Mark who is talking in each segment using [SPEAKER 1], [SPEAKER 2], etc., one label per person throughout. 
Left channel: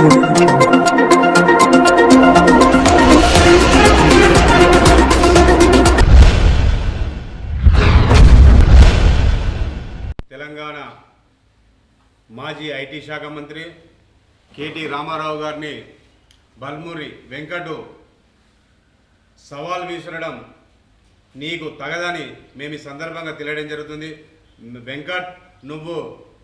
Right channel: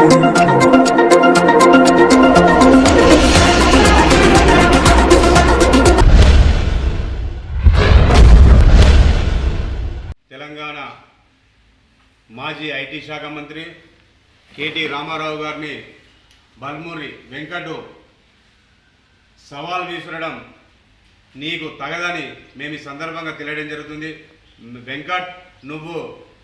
[SPEAKER 1] తెలంగాణ మాజీ ఐటీ శాఖ మంత్రి కేటీ రామారావు గారిని బల్మూరి వెంకటు సవాల్ విసరడం నీకు తగదని మేము ఈ సందర్భంగా తెలియడం జరుగుతుంది. వెంకట్ నువ్వు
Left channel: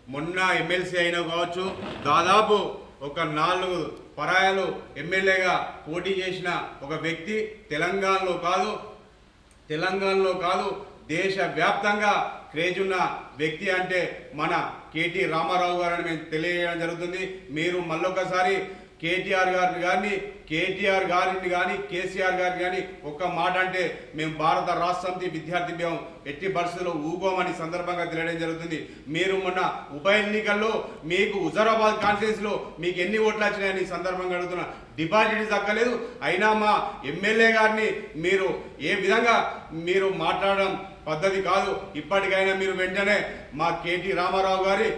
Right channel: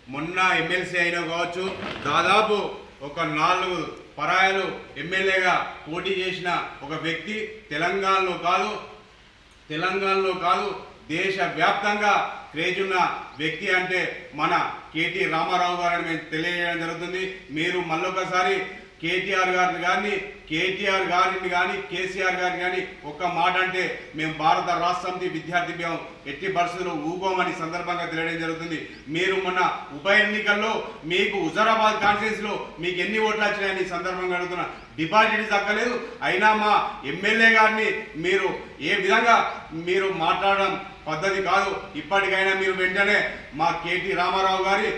[SPEAKER 1] మొన్న ఎమ్మెల్సీ అయినా కావచ్చు. దాదాపు ఒక నాలుగు పరాయాలు ఎమ్మెల్యేగా పోటీ చేసిన ఒక వ్యక్తి తెలంగాణలో కాదు తెలంగాణలో కాదు దేశవ్యాప్తంగా క్రేజ్ ఉన్న వ్యక్తి అంటే మన కేటీ రామారావు గారని మేము తెలియజేయడం జరుగుతుంది. మీరు మళ్ళొకసారి కేటీఆర్ గారిని కానీ కేటీఆర్ గారిని కానీ కేసీఆర్ గారిని కానీ ఒక్క మాట అంటే మేము భారత రాష్ట్ర సమితి విద్యార్థి మేము ఎట్టి పరిస్థితుల్లో ఊగోమని సందర్భంగా తెలియడం జరుగుతుంది. మీరు మొన్న ఉప ఎన్నికల్లో మీకు హుజరాబాద్ కాన్స్టిట్యూన్సీలో మీకు ఎన్ని ఓట్లు వచ్చినాయని సందర్భంగా అడుగుతున్నా. డిపాజిట్ దక్కలేదు అయినా మా ఎమ్మెల్యే గారిని మీరు ఏ విధంగా మీరు మాట్లాడడం పద్ధతి కాదు. ఇప్పటికైనా మీరు వెంటనే మా కేటీ రామారావు గారి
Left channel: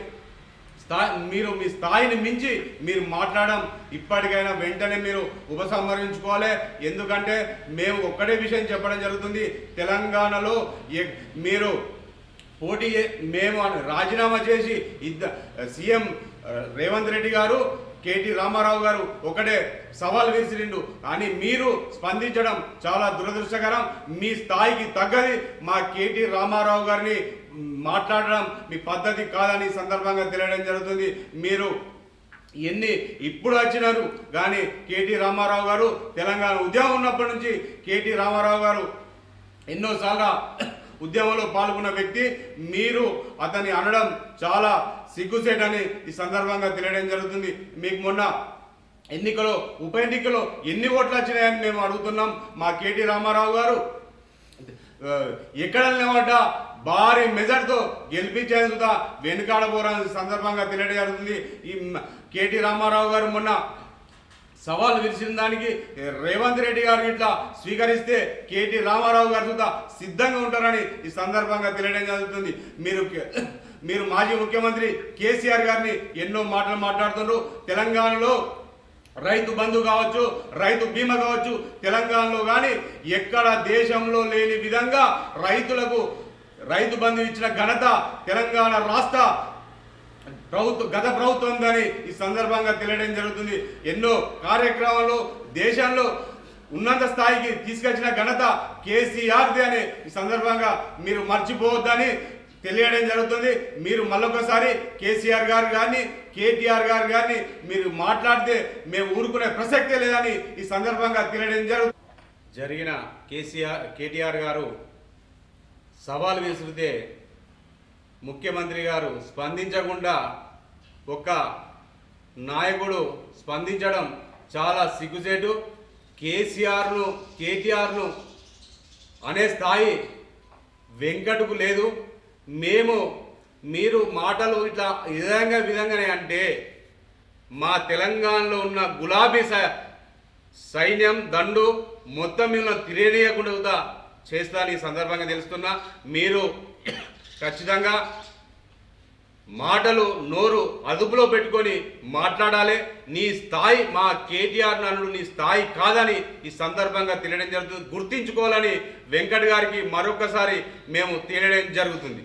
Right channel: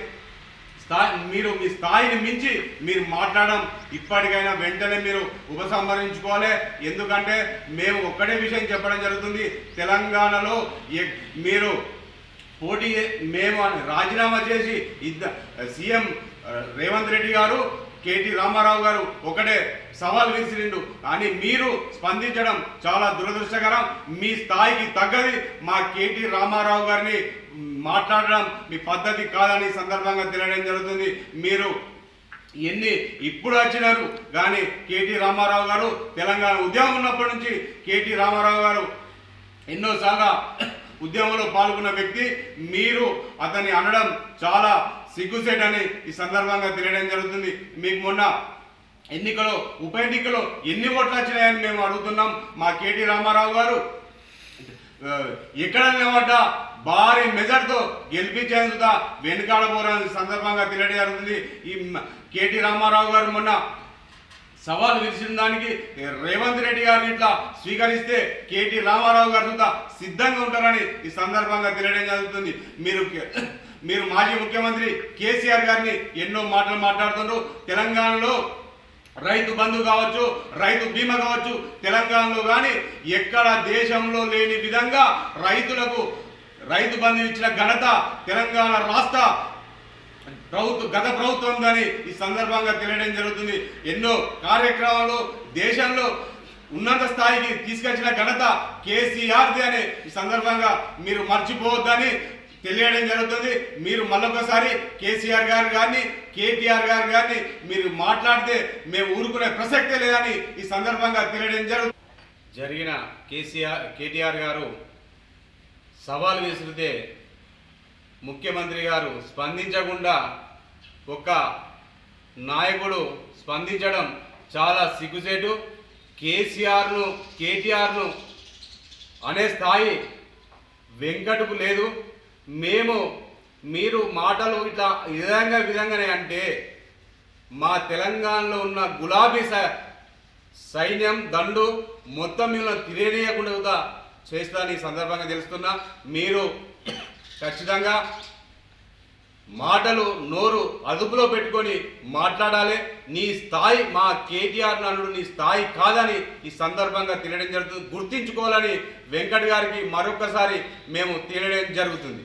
[SPEAKER 1] స్థాయి మీరు మీ స్థాయిని మించి మీరు మాట్లాడడం ఇప్పటికైనా వెంటనే మీరు ఉపసంహరించుకోవాలి. ఎందుకంటే మేము ఒక్కటే విషయం చెప్పడం జరుగుతుంది. తెలంగాణలో మీరు పోటీ మేము అని రాజీనామా చేసి ఇద్ద సీఎం రేవంత్ రెడ్డి గారు కేటీ రామారావు గారు ఒకటే సవాల్ విసిరిండు. కానీ మీరు స్పందించడం చాలా దురదృష్టకరం. మీ స్థాయికి తగ్గది మా కేటీ రామారావు గారిని మాట్లాడడం మీ పద్ధతి కాదని సందర్భంగా తెలియడం జరుగుతుంది. మీరు ఎన్ని ఇప్పుడు వచ్చినారు కానీ కేటీ రామారావు గారు తెలంగాణ ఉద్యమం ఉన్నప్పటి నుంచి కేటీ రామారావు గారు ఎన్నోసార్లు ఉద్యమంలో పాల్గొన్న వ్యక్తి. మీరు అతన్ని అనడం చాలా సిగ్గుసేటని ఈ సందర్భంగా తెలియడం జరుగుతుంది. మీకు మొన్న ఎన్నికలో ఉప ఎన్నికలో ఎన్ని ఓట్లు వచ్చినాయని మేము అడుగుతున్నాం. మా కేటీ రామారావు గారు ఎక్కడ నిలబడ్డా భారీ మెజార్టీతో గెలిపించేందుకు వెనుకాడబోరాని సందర్భంగా తెలియడం జరుగుతుంది ఈ కేటీ రామారావు గారు మొన్న సవాల్ విరిచిన దానికి రేవంత్ రెడ్డి గారిని ఇట్లా స్వీకరిస్తే కేటీ రామారావు గారు చూత సిద్ధంగా ఉంటారని ఈ సందర్భంగా తెలియడం జరుగుతుంది. మీరు మీరు మాజీ ముఖ్యమంత్రి కేసీఆర్ గారిని ఎన్నో మాటలు మాట్లాడుతున్నారు తెలంగాణలో రైతు బంధు కావచ్చు రైతు బీమా కావచ్చు తెలంగాణలో కానీ ఎక్కడ దేశంలో లేని విధంగా రైతులకు రైతు బంధు ఇచ్చిన ఘనత తెలంగాణ రాష్ట్ర ప్రభుత్వ గత ప్రభుత్వం దాని ఈ సందర్భంగా తెలియడం జరుగుతుంది. ఎన్నో కార్యక్రమాలు దేశంలో ఉన్నత స్థాయికి తీసుకొచ్చిన ఘనత కేసీఆర్ది అని ఈ సందర్భంగా మీరు మర్చిపోవద్దని తెలియడం జరుగుతుంది. మీరు మళ్ళొకసారి కేసీఆర్ గారు కానీ కేటీఆర్ గారు కానీ మీరు మాట్లాడితే మేము ఊరుకునే ప్రసక్తే లేదని ఈ సందర్భంగా తెలియడం జరుగుతుంది జరిగిన కేసీఆర్ కేటీఆర్ గారు సవాల్ విసిరితే ముఖ్యమంత్రి గారు స్పందించకుండా ఒక నాయకుడు స్పందించడం చాలా సిగ్గుచేటు. కేసీఆర్ను కేటీఆర్ను అనే స్థాయి వెంకటకు లేదు. మేము మీరు మాటలు ఇట్లా విధంగా విధంగానే అంటే మా తెలంగాణలో ఉన్న గులాబీ సైన్యం దండు మొత్తం మిమ్మల్ని తిరేనియకుండా చేస్తాను ఈ సందర్భంగా తెలుస్తున్నా మీరు ఖచ్చితంగా మాటలు నోరు అదుపులో పెట్టుకొని మాట్లాడాలి. నీ స్థాయి మా కేటీఆర్ నన్ను నీ స్థాయి కాదని ఈ సందర్భంగా తెలియడం జరుగుతుంది. గుర్తించుకోవాలని వెంకట్ గారికి మరొకసారి మేము తెలియడం జరుగుతుంది.